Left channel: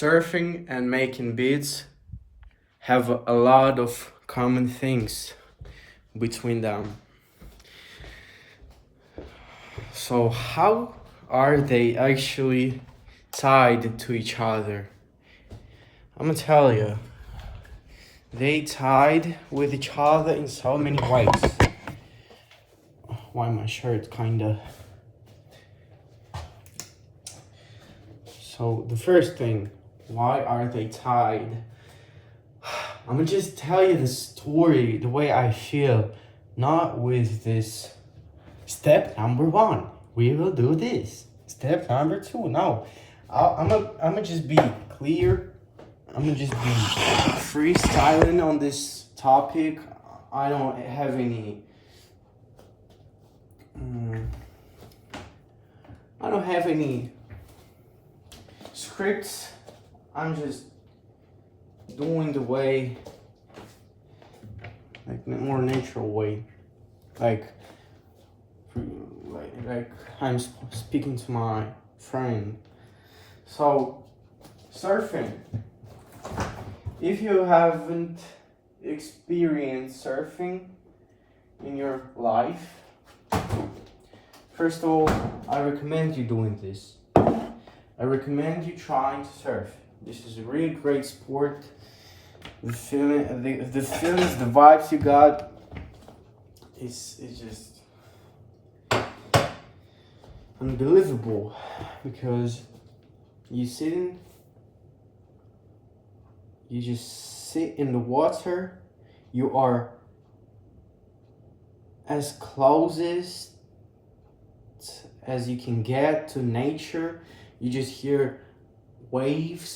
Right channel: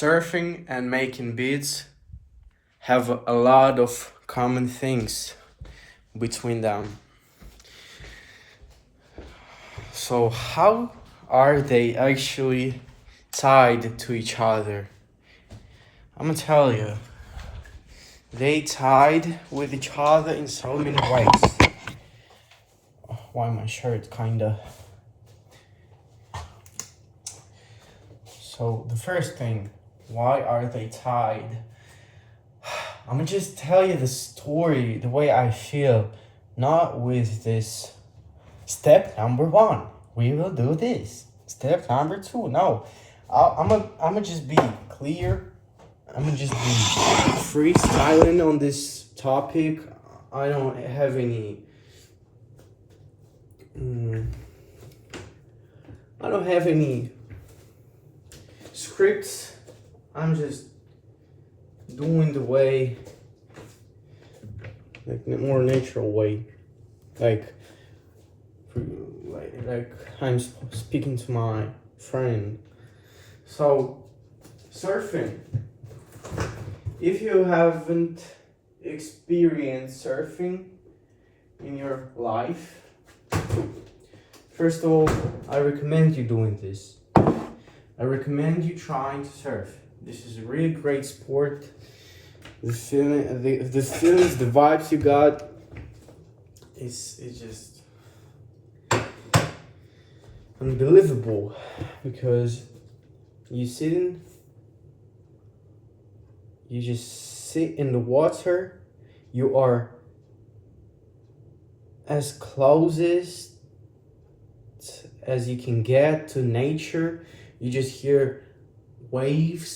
Surfing and making beats have a lot of common things between them. So, how are they actually tied to each other? I'm gonna tell you, they tied with each other in so many ways. Why my shirt kinda. So, the first thing, why are they tied? I'm gonna just tell you the story the way I feel, not with this step number one. We will do this. Step number two. No, I'm gonna just be clear. I'm gonna just be freestyling on this topic. I don't have any. I don't have any scripts. I'm just doing the way, like more natural way, like I'm speaking to my friend. So, surfing. If you haven't experienced surfing in your life, first of all, I recommend you doing this. I recommend you trying to surf. This is a really great sport. The feeling, the feelings, the vibes you got, it's just unbelievable, because you just sit in the water. You are as closest as you can get to nature. You just hear wave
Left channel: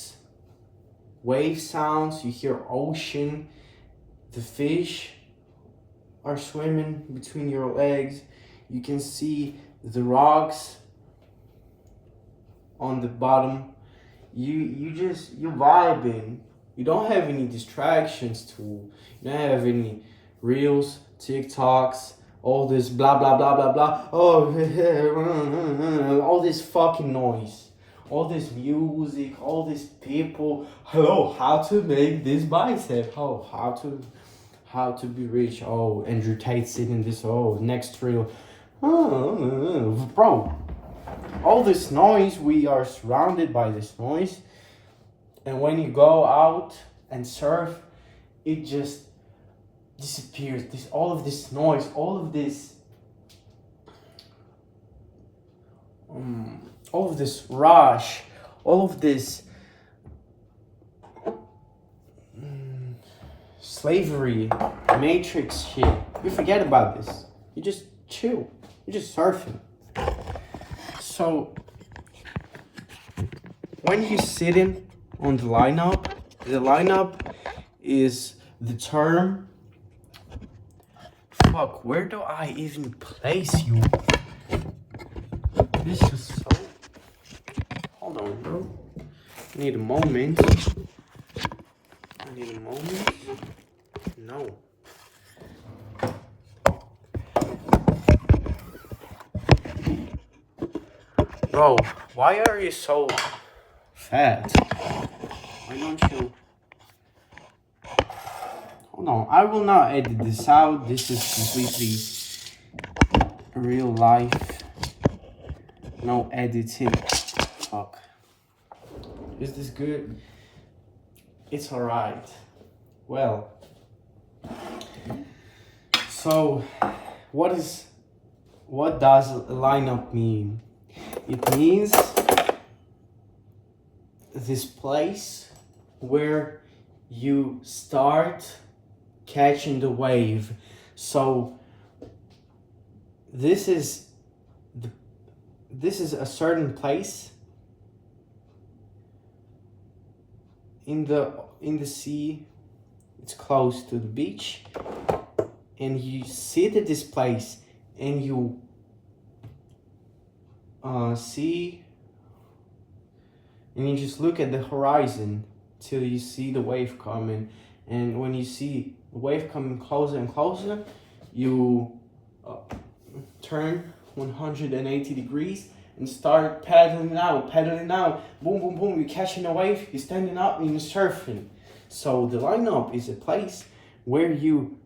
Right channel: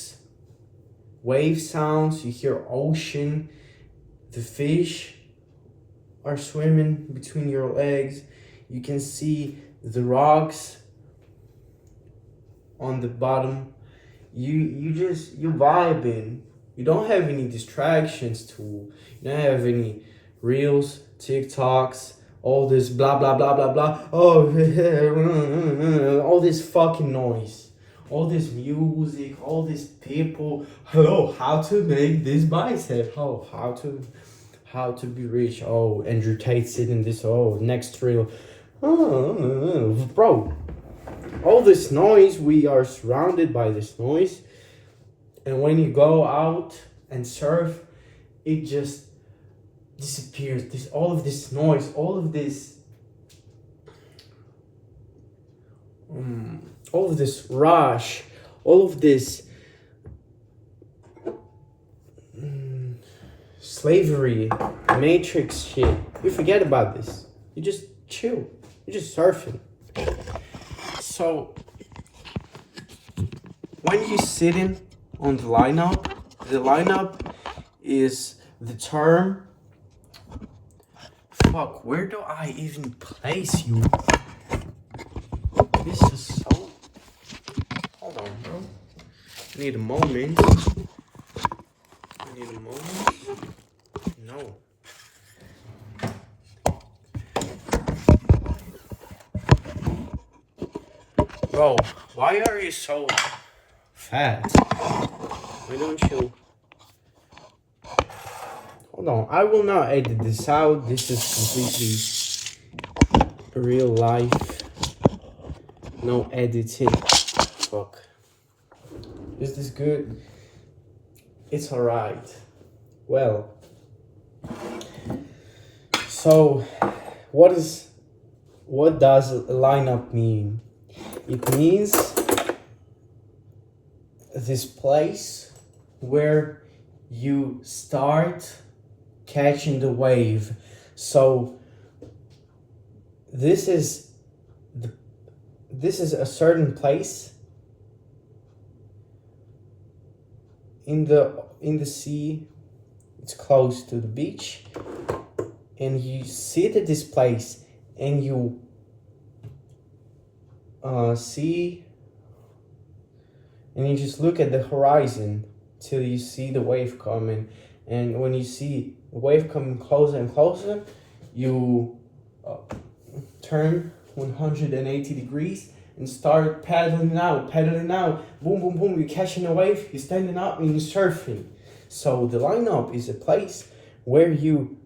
sounds, you hear ocean, the fish are swimming between your legs, you can see the rocks on the bottom. You vibing. You don't have any distractions you don't have any reels, TikToks, all this blah blah blah blah blah. Oh, all this fucking noise, all this music, all these people. Hello, how to make this bicep? Oh, how to be rich? Oh, Andrew Tate sitting this. Oh, next reel. Oh, bro, all this noise. We are surrounded by this noise, and when you go out and surf, it just disappears. All of this noise, all of this rush, all of this slavery, matrix shit. You forget about this. You just chill. You're just surfing. So when you sitting on the lineup is the term. Fuck, where do I even place you? This is so. Hold on, bro. I need a moment. No. Bro, why are you so fat? Why don't you? Hold on, I will not edit this out. This is completely real life. No editing. Fuck. Is this good? It's alright. Well. So, what does lineup mean? It means this place where you start catching the wave. So this is a certain place in the sea. It's close to the beach, and you sit at this place and you see, and you just look at the horizon till you see the wave coming. And when you see the wave coming closer and closer, you turn 180 degrees and start paddling out, boom, boom, boom, you're catching a wave, you're standing up and you're surfing. So the lineup is a place where you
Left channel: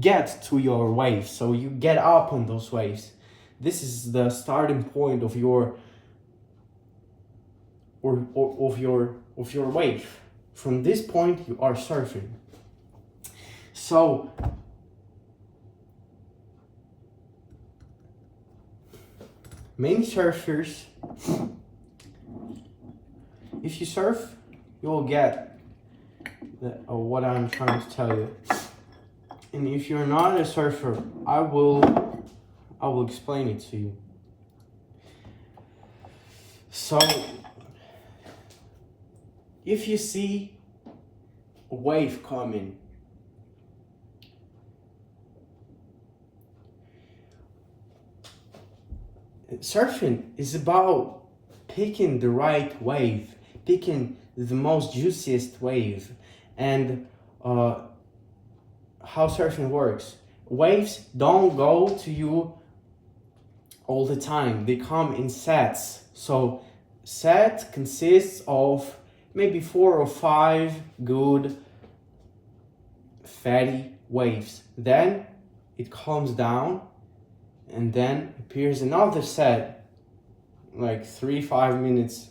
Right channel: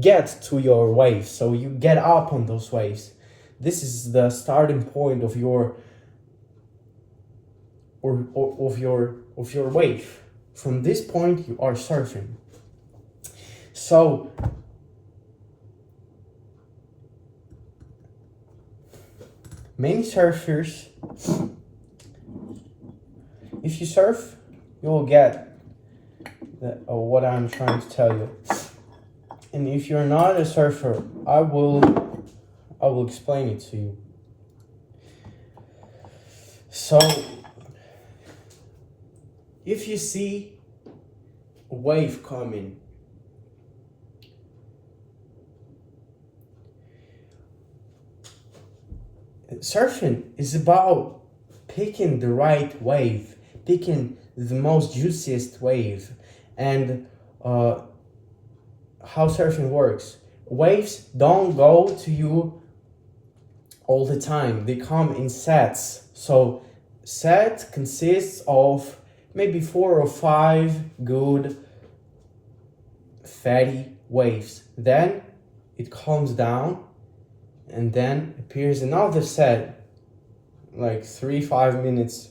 get to your wave, so you get up on those waves. This is the starting point of your of your wave. From this point you are surfing. So many surfers, if you surf, you will get what I'm trying to tell you. And if you're not a surfer, I will explain it to you. So if you see a wave coming, surfing is about picking the right wave, picking the most juiciest wave. And how surfing works, waves don't go to you all the time, they come in sets. So set consists of maybe 4 or 5 good fatty waves. Then it calms down, and then appears another set, like 3-5 minutes,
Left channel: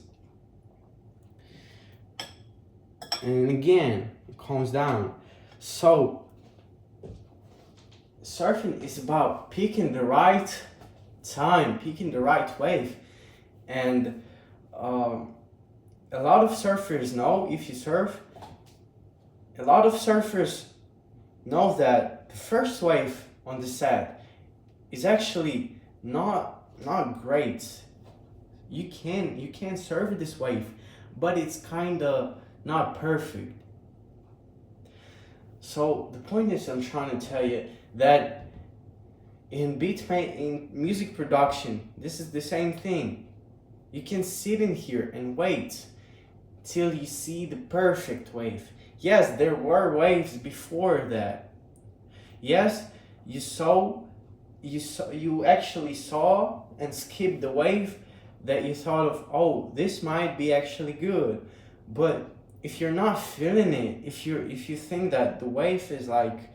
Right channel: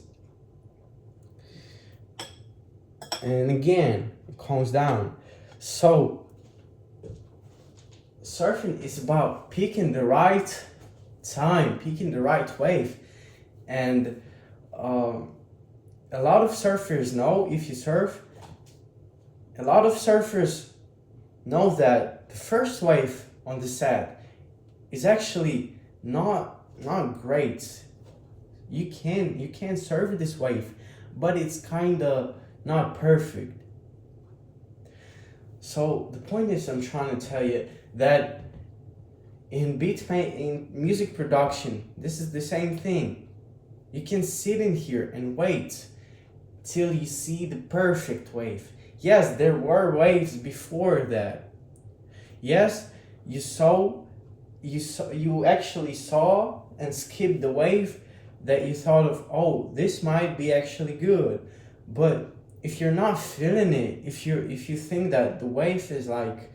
and again it calms down. So surfing is about picking the right time, picking the right wave. And a lot of surfers know, if you surf, a lot of surfers know that the first wave on the set is actually not great. You can surf this wave, but it's kind of not perfect. So the point is, I'm trying to tell you that in music production, this is the same thing. You can sit in here and wait till you see the perfect wave. Yes, there were waves before that. Yes, you actually saw and skipped the wave that you thought of, oh, this might be actually good. But if you're not feeling it, if you think that the wave is like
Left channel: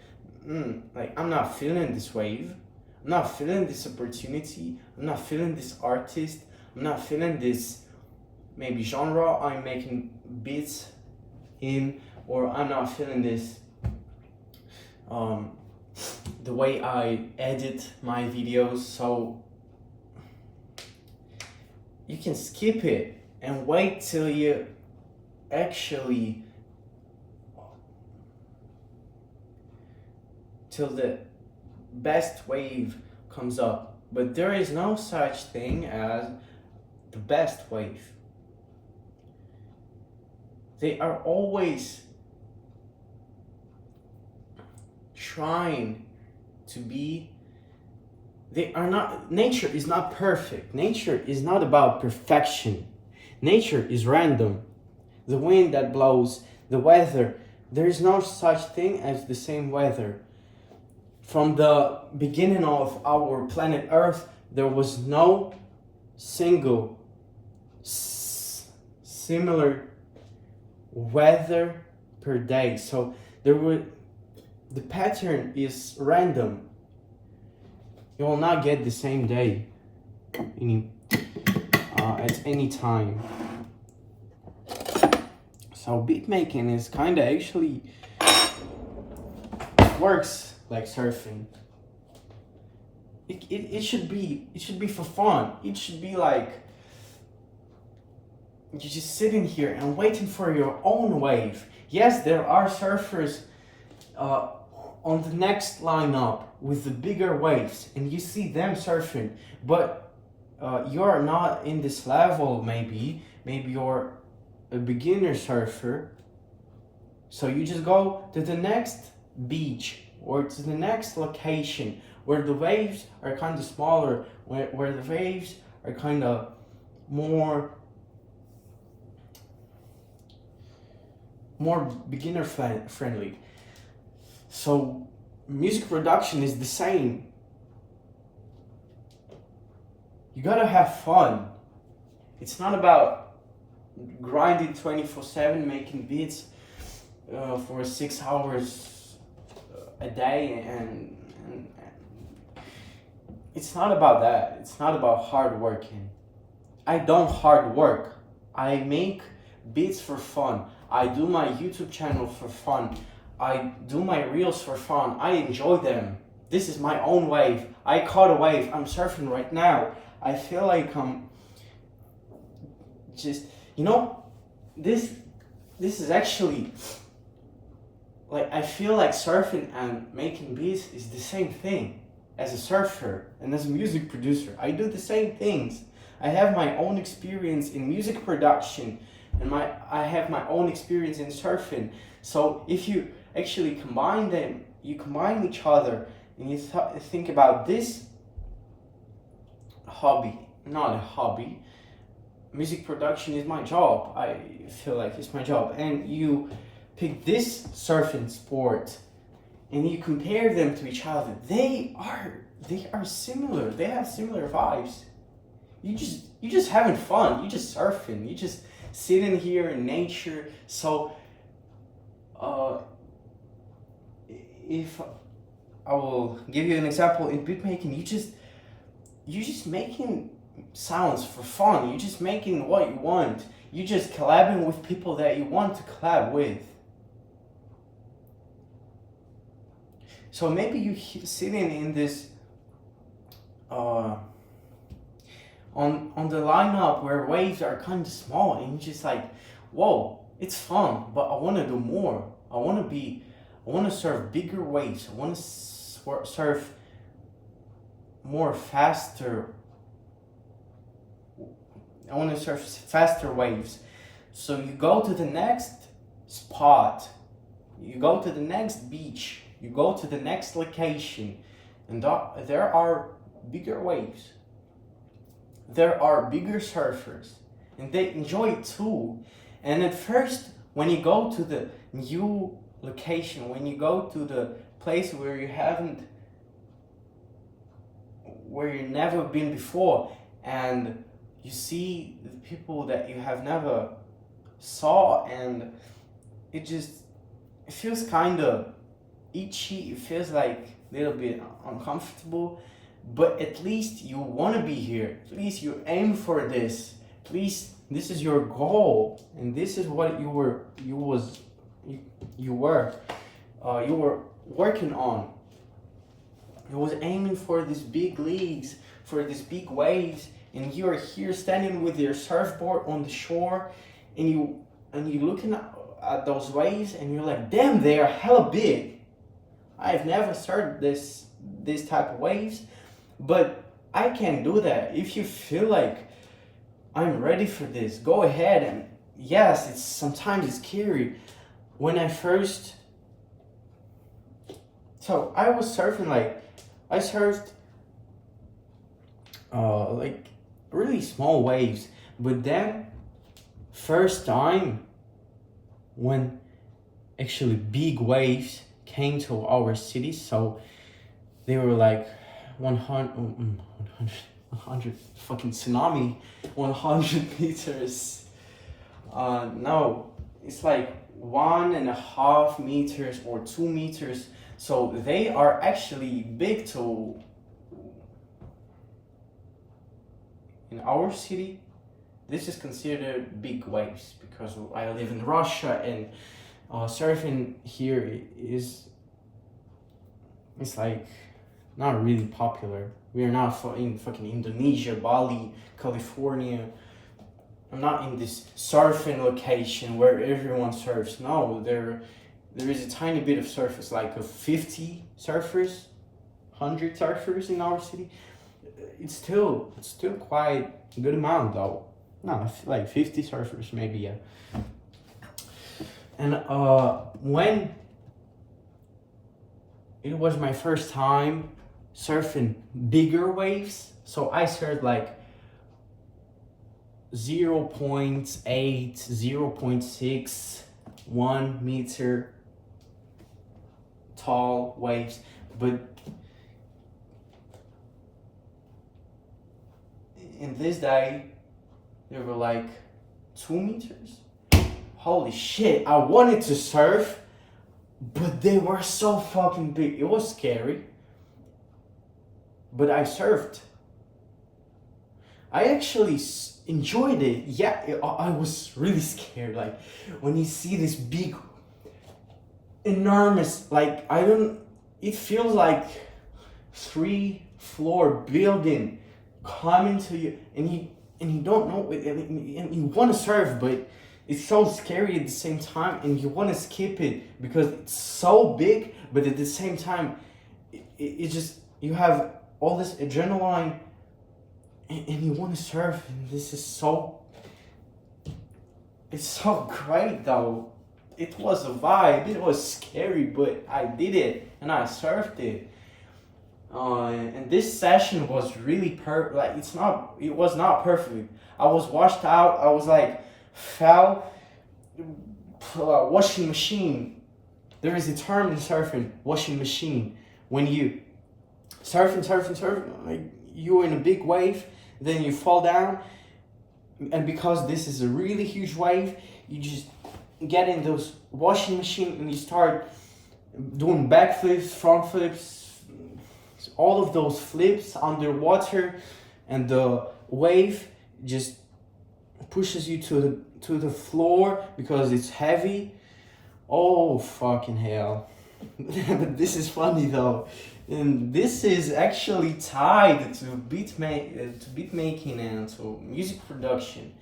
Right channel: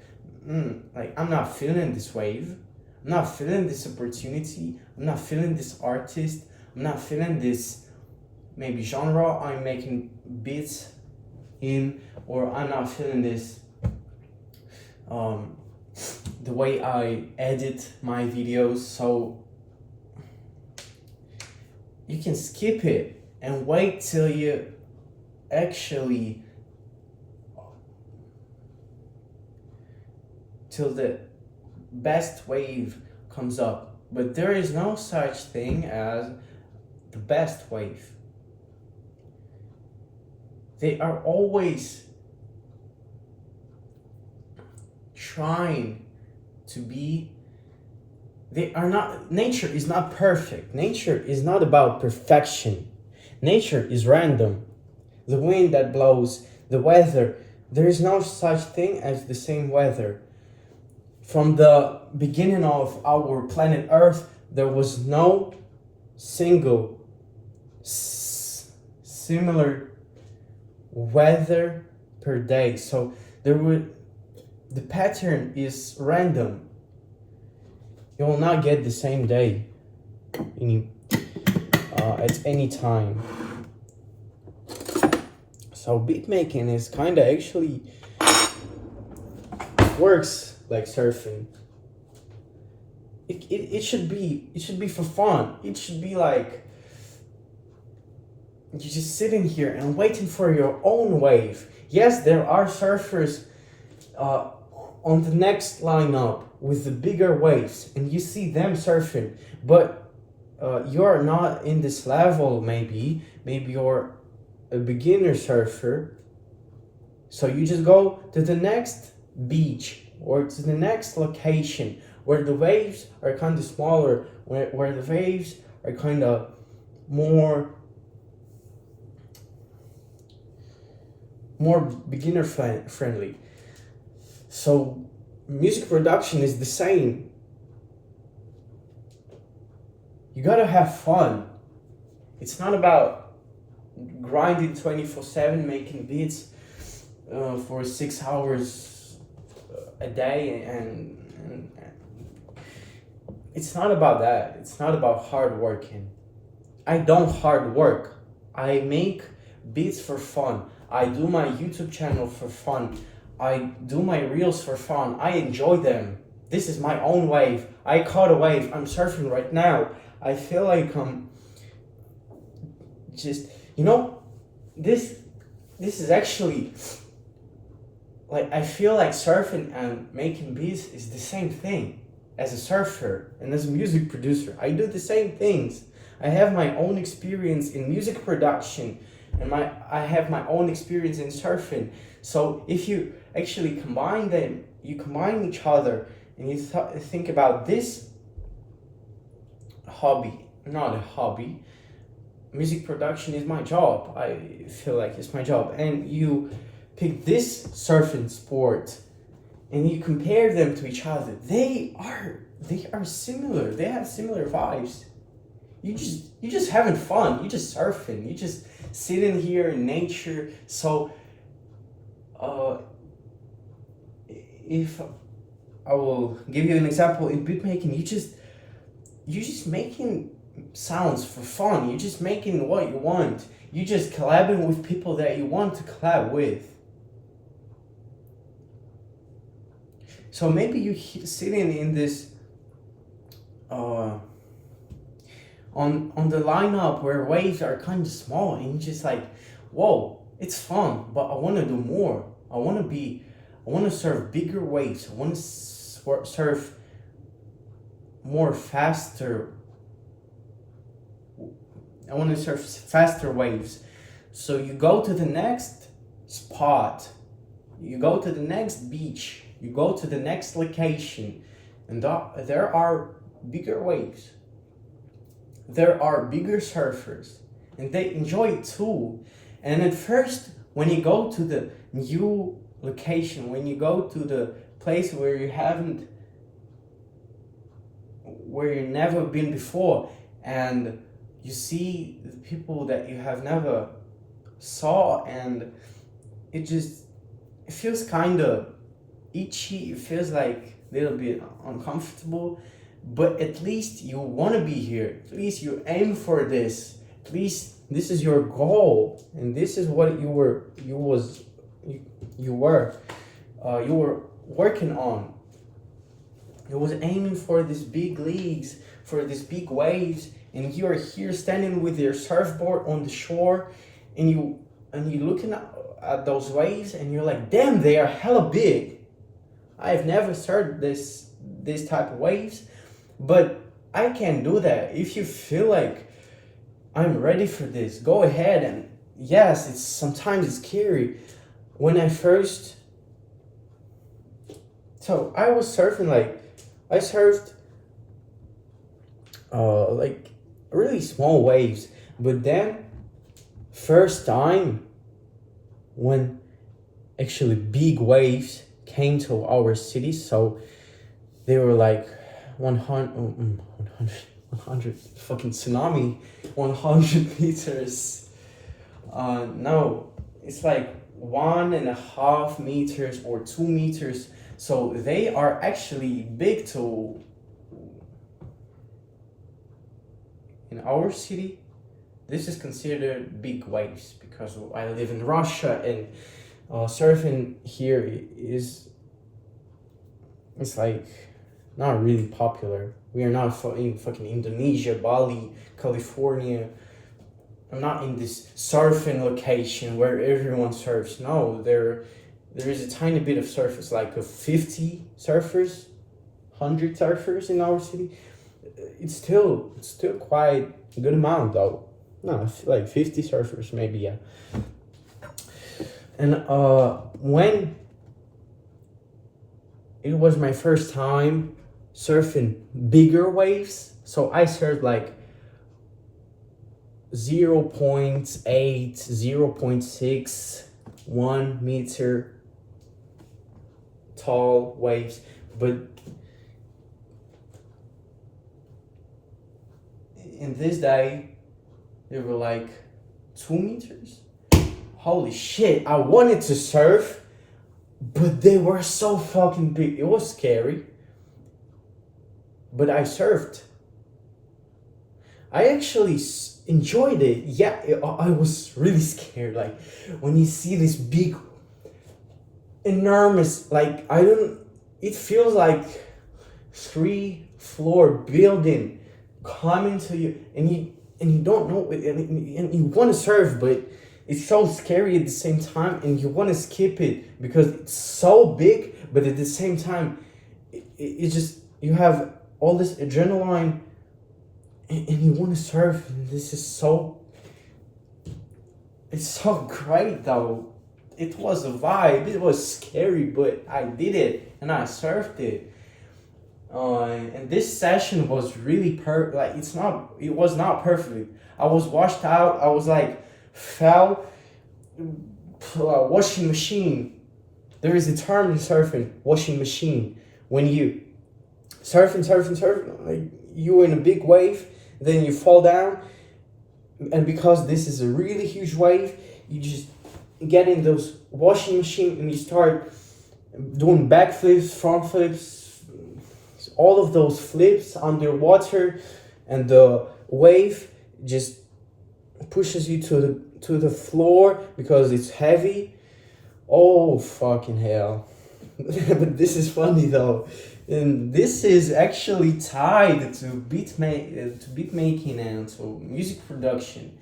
I'm not feeling this wave, I'm not feeling this opportunity, I'm not feeling this artist, I'm not feeling this maybe genre I'm making beats in, or I'm not feeling this the way I edit my videos, so you can skip it and wait till you actually till the best wave comes up. But there is no such thing as the best wave. They are always trying to be, they are not, nature is not perfect. Nature is not about perfection. Nature is random. The wind that blows, the weather, there is no such thing as the same weather. From the beginning of our planet Earth, there was no single similar weather per day. So the pattern is random. You will not get the same day at any time. So beat making is kind of actually works like surfing. It should be for fun. It should be like you're just sitting here and waiting for your own wave. Yes, there are surfers on the next lineup with the bigger waves, and you see them surfing, but you're not in this level. Maybe you're a beginner surfer, so you just go to the next beach or to the next location where the waves are kind of smaller, where the waves are kind of more beginner friendly. So music production is the same. You gotta have fun. It's not about grinding 24/7, making beats for 6 hours a day, and it's not about that. It's not about hard working. I don't hard work. I make beats for fun. I do my YouTube channel for fun. I do my reels for fun. I enjoy them. This is my own wave. I caught a wave. I'm surfing right now. I feel like just, you know, this is actually like, I feel like surfing and making beats is the same thing. As a surfer and as a music producer, I do the same things. I have my own experience in music production, and I have my own experience in surfing. So if you actually combine them, you combine each other, and you think about this hobby, not a hobby. Music production is my job. I feel like it's my job, and you pick this surfing sport and you compare them to each other. They are similar. They have similar vibes. You just having fun. You just surfing. You just sitting here in nature. So if I will give you an example in beat making, you just making sounds for fun. You just making what you want. You just collabing with people that you want to collab with. So maybe you sitting in this on the lineup where waves are kind of small, and you're just like, whoa, it's fun, but I want to do more. I want to surf bigger waves. I want to surf more faster. I want to surf faster waves. So you go to the next spot, you go to the next beach, you go to the next location, and there are bigger waves. There are bigger surfers, and they enjoy it too. And at first, when you go to the new location, when you go to the place where you've never been before, and you see the people that you have never saw, and it feels kind of itchy. It feels like a little bit uncomfortable, but at least you want to be here. At least you aim for this. At least this is your goal, and this is what you were working on. You was aiming for these big leagues, for these big waves, and you are here standing with your surfboard on the shore, and you looking at those waves, and you're like, damn, they are hella big. I've never surfed this type of waves, but I can do that. If you feel like I'm ready for this, go ahead. And yes, sometimes it's scary. When I first, so I was surfing, like I surfed like really small waves, but then first time when actually big waves came to our city, so they were like 100 fucking tsunami, 100 meters. No, it's like 1.5 meters or 2 meters. So they are actually big to, in our city, this is considered big waves because I live in Russia, and surfing here it's like not really popular. We are not in fucking Indonesia, Bali, California. I'm not in this surfing location where everyone surfs. No, there is a tiny bit of surfers, like 50 surfers, 100 surfers in our city. It's still quite a good amount though. No, like 50 surfers maybe, yeah. And when it was my first time surfing bigger waves, so I surfed like 0.8, 0.6, 1 meter tall waves, but in this day, they were like 2 meters. Holy shit, I wanted to surf, but they were so fucking big. It was scary, but I surfed. I actually enjoyed it. Yeah, I was really scared. Like when you see this big, enormous, like I don't. It feels like 3-floor building coming to you, and you don't know, and you want to surf, but it's so scary at the same time, and you want to skip it because it's so big, but at the same time, it just you have all this adrenaline, and you want to surf, and this is so. It's so great though. It was a vibe. It was scary, but I did it and I surfed it. And this session was really like it was not perfect. I was washed out. I was like fell. Washing machine. There is a term in surfing, washing machine. When you surfing, like you're in a big wave, then you fall down, and because this is a really huge wave, you just get in those washing machine and you start doing backflips, front flips, all of those flips underwater, and the wave just pushes you to the floor because it's heavy. Oh fucking hell. But this is funny though, and this is actually tied to beat making and to music production.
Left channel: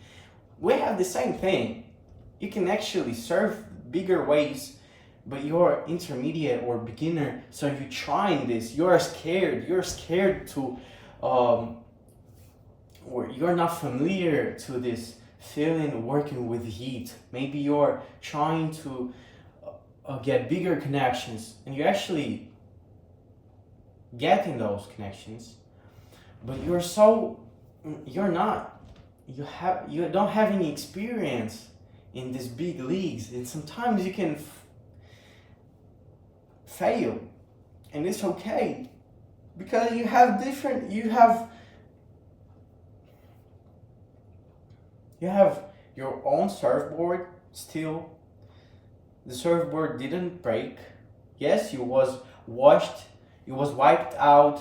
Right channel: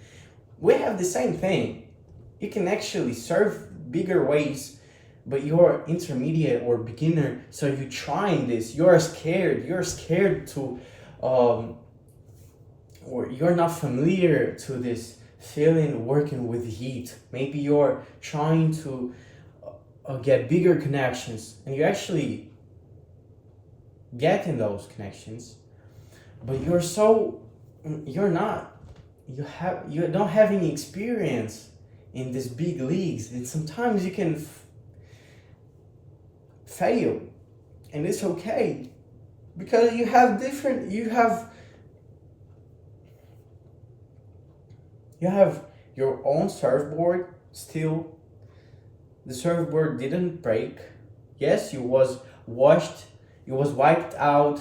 We have the same thing. You can actually surf bigger waves, but you're intermediate or beginner, so you're trying this. You're scared to or you're not familiar to this feeling working with heat. Maybe you're trying to get bigger connections, and you actually getting those connections, but you're not, you don't have any experience in these big leagues, and sometimes you can fail, and it's okay because you have your own surfboard still. The surfboard didn't break. Yes, you was washed, you was wiped out,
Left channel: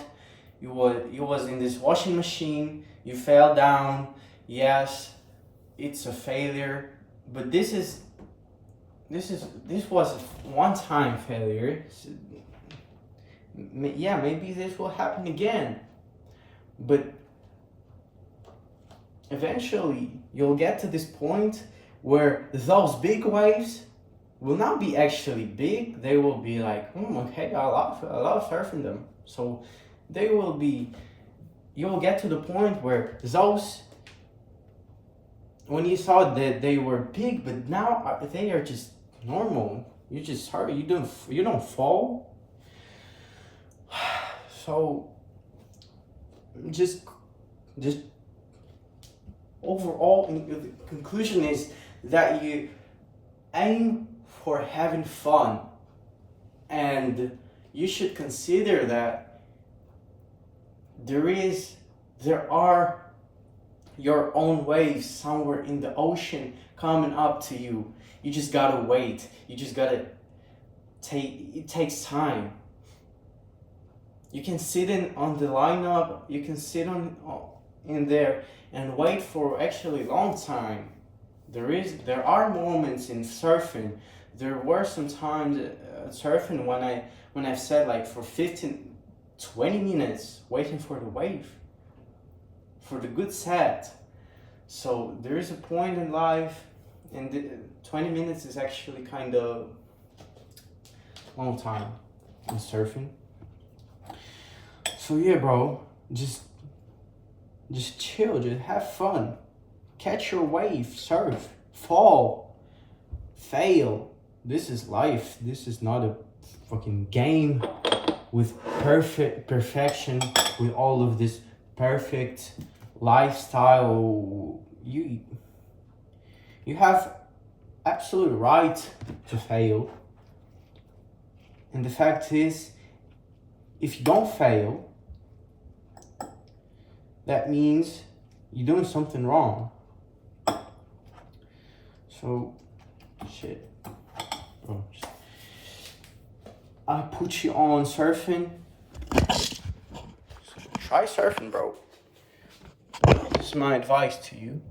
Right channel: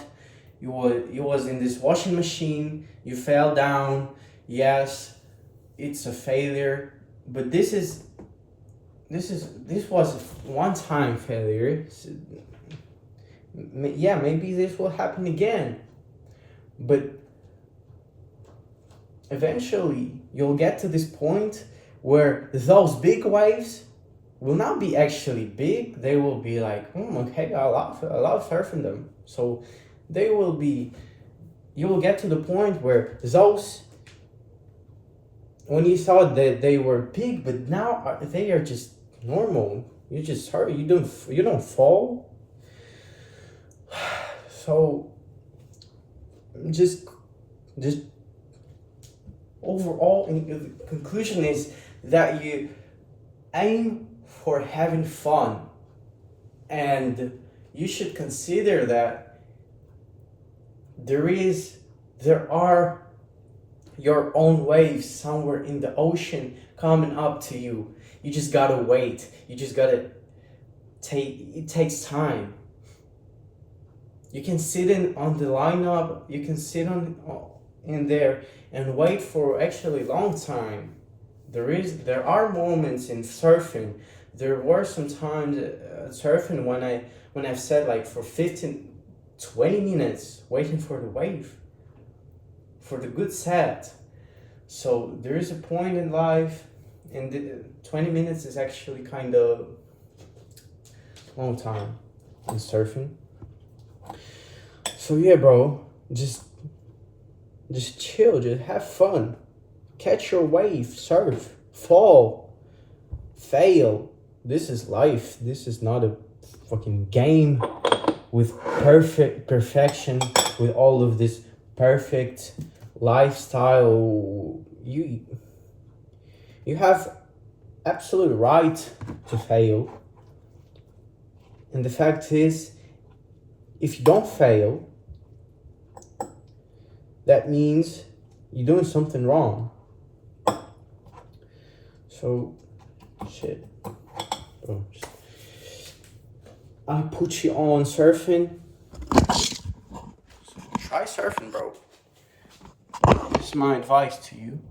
you was in this washing machine, you fell down. Yes, it's a failure, but this was a one-time failure. Yeah, maybe this will happen again, but eventually you'll get to this point where those big waves will not be actually big. They will be like, okay, I love surfing them. So you will get to the point where those, when you thought that they were big, but now they are just normal. You just hurt. You don't fall. So just overall, the conclusion is that you aim for having fun, and you should consider that there are your own waves somewhere in the ocean coming up to you. You just gotta wait. You just gotta it takes time. You can sit on the lineup, you can sit in there and wait for actually long time. There are moments in surfing. There were some times surfing when I've sat like for 15-20 minutes waiting for the wave, for the good set. So there is a point in life, and 20 minutes is actually kind of long time in surfing. So yeah, bro, just chill, just have fun, catch your wave, surf, fall, fail. This is life. This is not a fucking game with perfection, with all of this perfect lifestyle. You have absolute right to fail, and the fact is, if you don't fail, that means You're doing something wrong. So, shit. Bro, I put you on surfing. So try surfing, bro. This is my advice to you.